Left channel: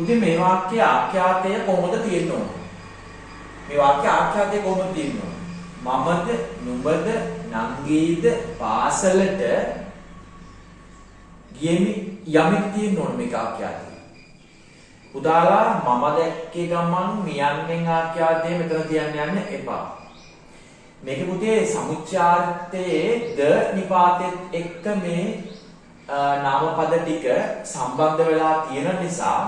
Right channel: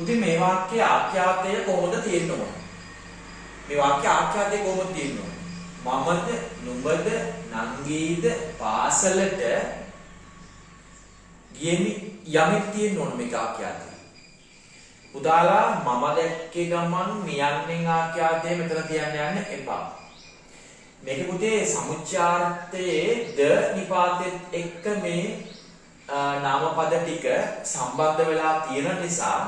පුතේ මේ වාක්‍යයේ ආඛ්‍යාතය කොහොමද තියෙන්න ඕන? මේ වාක්‍යයේ ආඛ්‍යාතය කොහොමද තියෙන්න ඕන? මමද, නුඹද, නංගීද පාසලට ගියෙමි යමෙක් තියෙන්න ඕන මේක ආඛ්‍යාතය. උදාලා මම දැක්කේ ගමන් මියන්නෙන් ආඛ්‍යාතය මෙතන තියන්න යන්න එපා. මේක පුතේ සමුච්චාර්ථයේ ද නිපාතෙත් එක්ක මේ නාමපද ටික සම්බන්ධ වෙලා තියෙන නිසා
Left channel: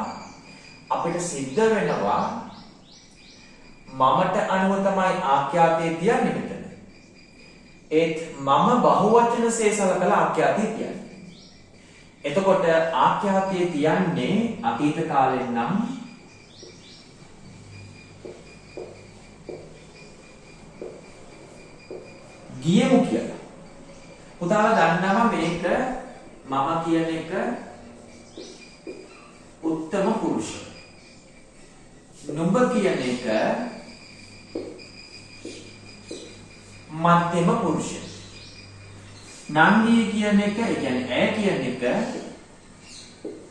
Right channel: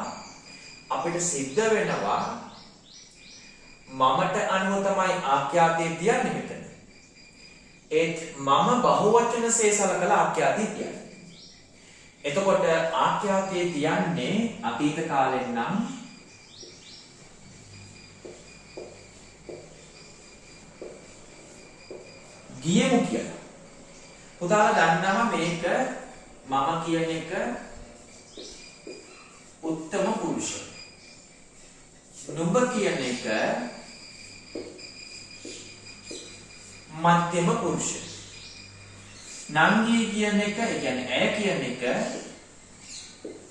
අපිට සිද්ධ වෙනවා මමට අනුව තමයි ආඛ්‍යාතය තියන්නේ මෙතන. ඒත් මම බහුවචනසේ සලකලා ආඛ්‍යාතය තියන්නේ. එතකොට ආඛ්‍යාතය තියන්නේ අතීත කාලෙන් නම් ගියමු කියලා. පුතාලා දන්නවා මේක මම කියන එක උත්තම පුරුෂ. නුඹ කියන එක මධ්‍යම පුරුෂ. නංගී කියන එක, ඒ කියන්නේ ඈ කියන එක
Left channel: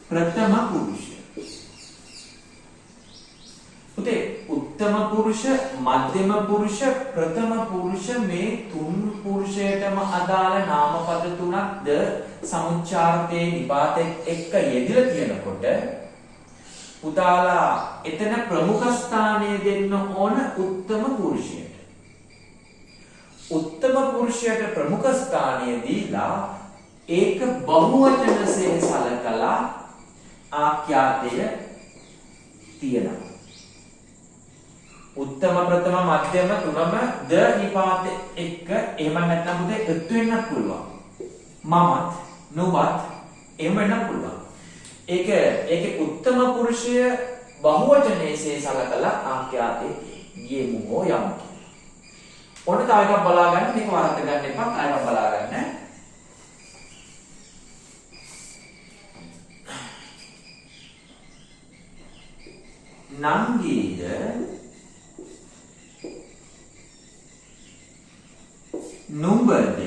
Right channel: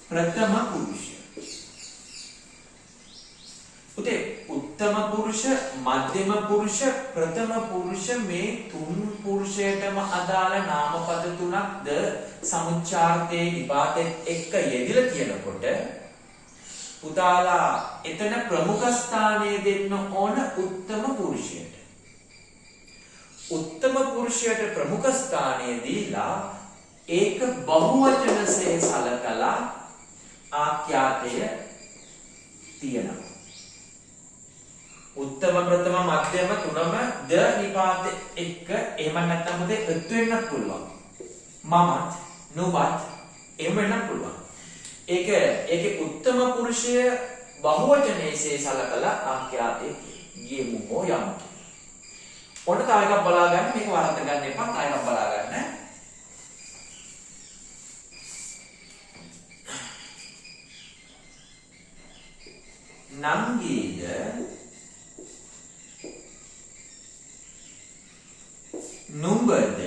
ප්‍රථම පුරුෂ. පුතේ උත්තම පුරුෂ, මධ්‍යම පුරුෂ, ප්‍රථම පුරුෂ මේ තුන් පුරුෂයටම අදාළ නාමපද තුනක්ද සමුච්චාර්ථයේ නිපාතෙත් එක්ක යෙදිලා තියෙනකොට පුතාලා එතන ප්‍රමුඛ ස්ථානය දෙන්න ඕන උත්තම පුරුෂයට. උත්තම පුරුෂයට ප්‍රමුඛ ස්ථානය දීලා ඒක බහුවචනසේ සලකලා ආඛ්‍යාතය තියෙනවා. උත්තම, ප්‍රථම, මධ්‍යම තුනම ද නිපාත එක්ක එහෙම නැත්නම් මුදේ එකතු වෙන්නත් පුළුවන්. මමත් නුඹත් එහෙම වෙන්නත් පුළුවන්. ඒකේ උත්තම පුරුෂය බහුවචනයේසේ සලකලා ආඛ්‍යාතේ ගියමු හෝ යමු. ඔන්න තව එකක් බලාගන්න, මේක වරද්ද ගන්න එපා, තව එකක් බලාගන්න. නංගීද නුඹද,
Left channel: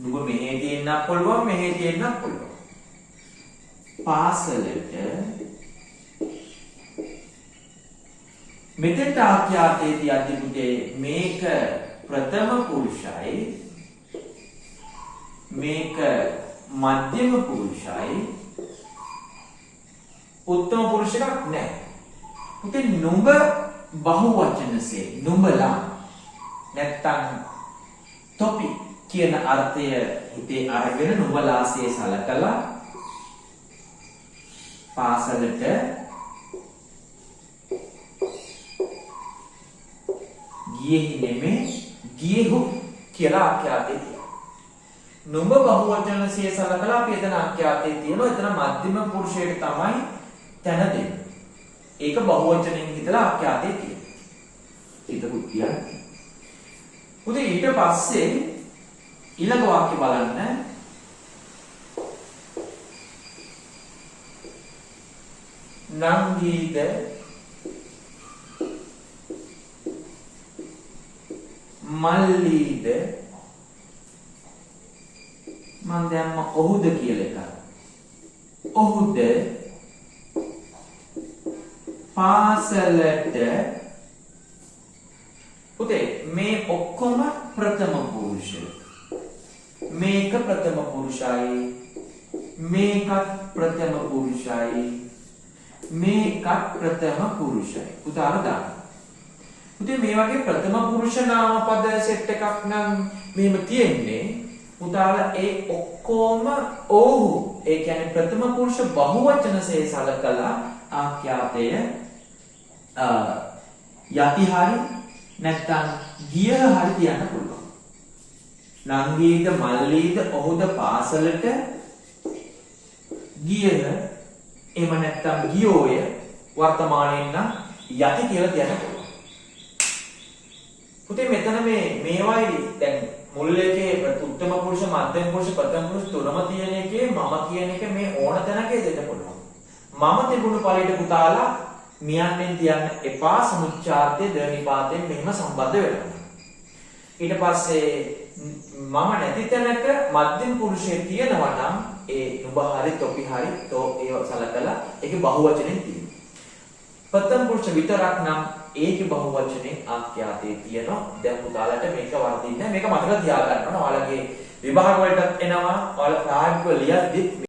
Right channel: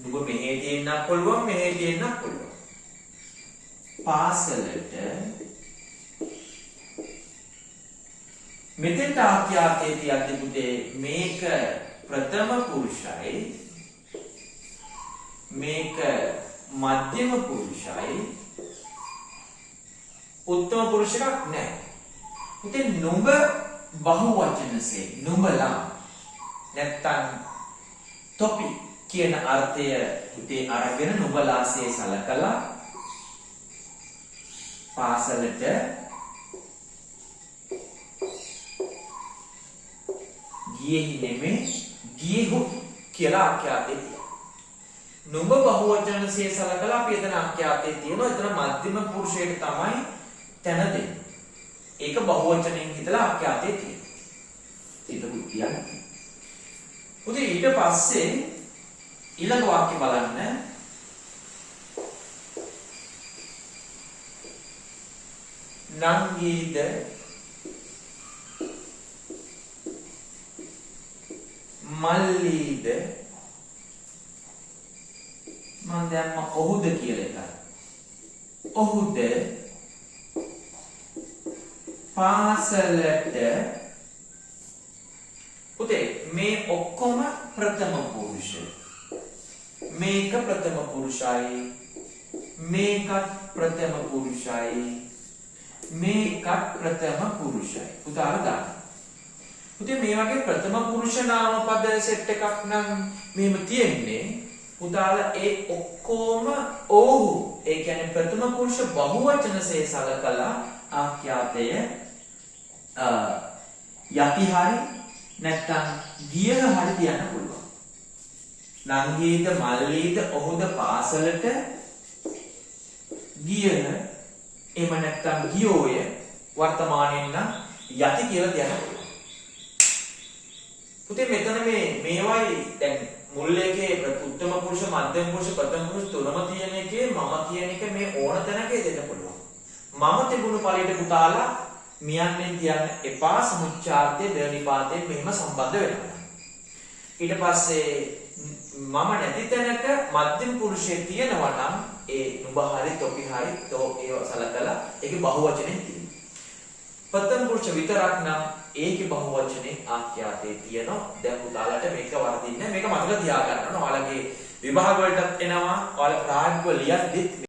නුඹ මෙහෙ තියෙන්නත් පුළුවන්, මෙහෙ තියෙන්නත් පුළුවන්. පාසලට මෙතෙන්ට ආඛ්‍යාතයේ තියද්දි පුතේ මේක ප්‍රථම පුරුෂයි, මේක මධ්‍යම පුරුෂයි, උත්තම පුරුෂයක් නැහැ. පුතේ නුඹ බහුවචනසේ නුඹලා නැත්තම් තොපි කියන අර්ථය හිතේ අරගෙන නුඹලාසේ සලකලා පාසලට ගියෙහි නෙමෙයි ගියෙහු කියලා ආඛ්‍යාතේ තියෙනවා. නුඹ බහුවචනසේ සලකලා අපි එතන ආඛ්‍යාතේ තියෙනවා. එතන මධ්‍යම පුරුෂයට තමයි තැන දෙන්නේ. ඒක බහුවචනයෙන් හිතලා ආඛ්‍යාතේ තියෙනවා. හිතපු කියන්නේ. උදේ ඊට පස්සේ ඊළඟ වාක්‍ය බලන්න. නංගීද මල්ලීද, මන් දැම්ම ඔහුද කියලා එකයි. ඔහුද පාසලට. පුතේ මේ ඔක්කොම ප්‍රථම පුරුෂ. මේක ප්‍රථම පුරුෂයි, මේකත් ප්‍රථම පුරුෂයි, මේකත් ප්‍රථම පුරුෂයි. පුතාලා දාන්න. පුතේ මේ වගේ ප්‍රථම පුරුෂ නාමපද සෙට් එකක් නම් මෙහෙම තියෙන්නේ. පුතාලා ඒ ඔක්කොම ඔහු, ඒ කියන්නේ ප්‍රථම පුරුෂ බහුවචනසේ සලකලා ආඛ්‍යාතය යටි හරි නැත්නම් ගියහ හරි කියන්න පුළුවන්. නංගීද මල්ලීද ඔහුද පාසලට ගියහ, එහෙම නැත්නම් ගියෝය වර්තමානයෙන් නම් යටි කියලා කියන්න පුළුවන්. පුතේ මෙතන මේවයි දැන් මුල් එකේ උත්තම පුරුෂ, මධ්‍යම පුරුෂ, ප්‍රථම පුරුෂ තුනම තියෙන එකේ මම කියන එක මේ ඕන තැනක දෙන්න පුළුවන්. මම තිබුණු පළියට පුතාලා මියන්නෙන් තියන්න එපා. සමුච්චාර්ථයේ ද නිපාතයෙන් මෙහෙම සම්බන්ධ වෙනවා. ඊට පස්සේ මම නැති තැනක මධ්‍යම පුරුෂය තියෙනවා නම් ඒ නුඹ හරි තොපි හරි තෝ ඒව සලකලා ඒකේ බහුවචනෙන් තියෙනවා. ප්‍රථම පුරුෂ විතරක් නම් ඒකේ බහුවචනේ ආඛ්‍යාතේ තියෙනවා. දැන් පුතාලට මේක වර්ධින්නේ මේක මතක තියාගන්න ඕන. ඔයාලගේ විභාග වලටත් එනවා. ඔයාලා ප්‍රායෝගිකව ලියද්දි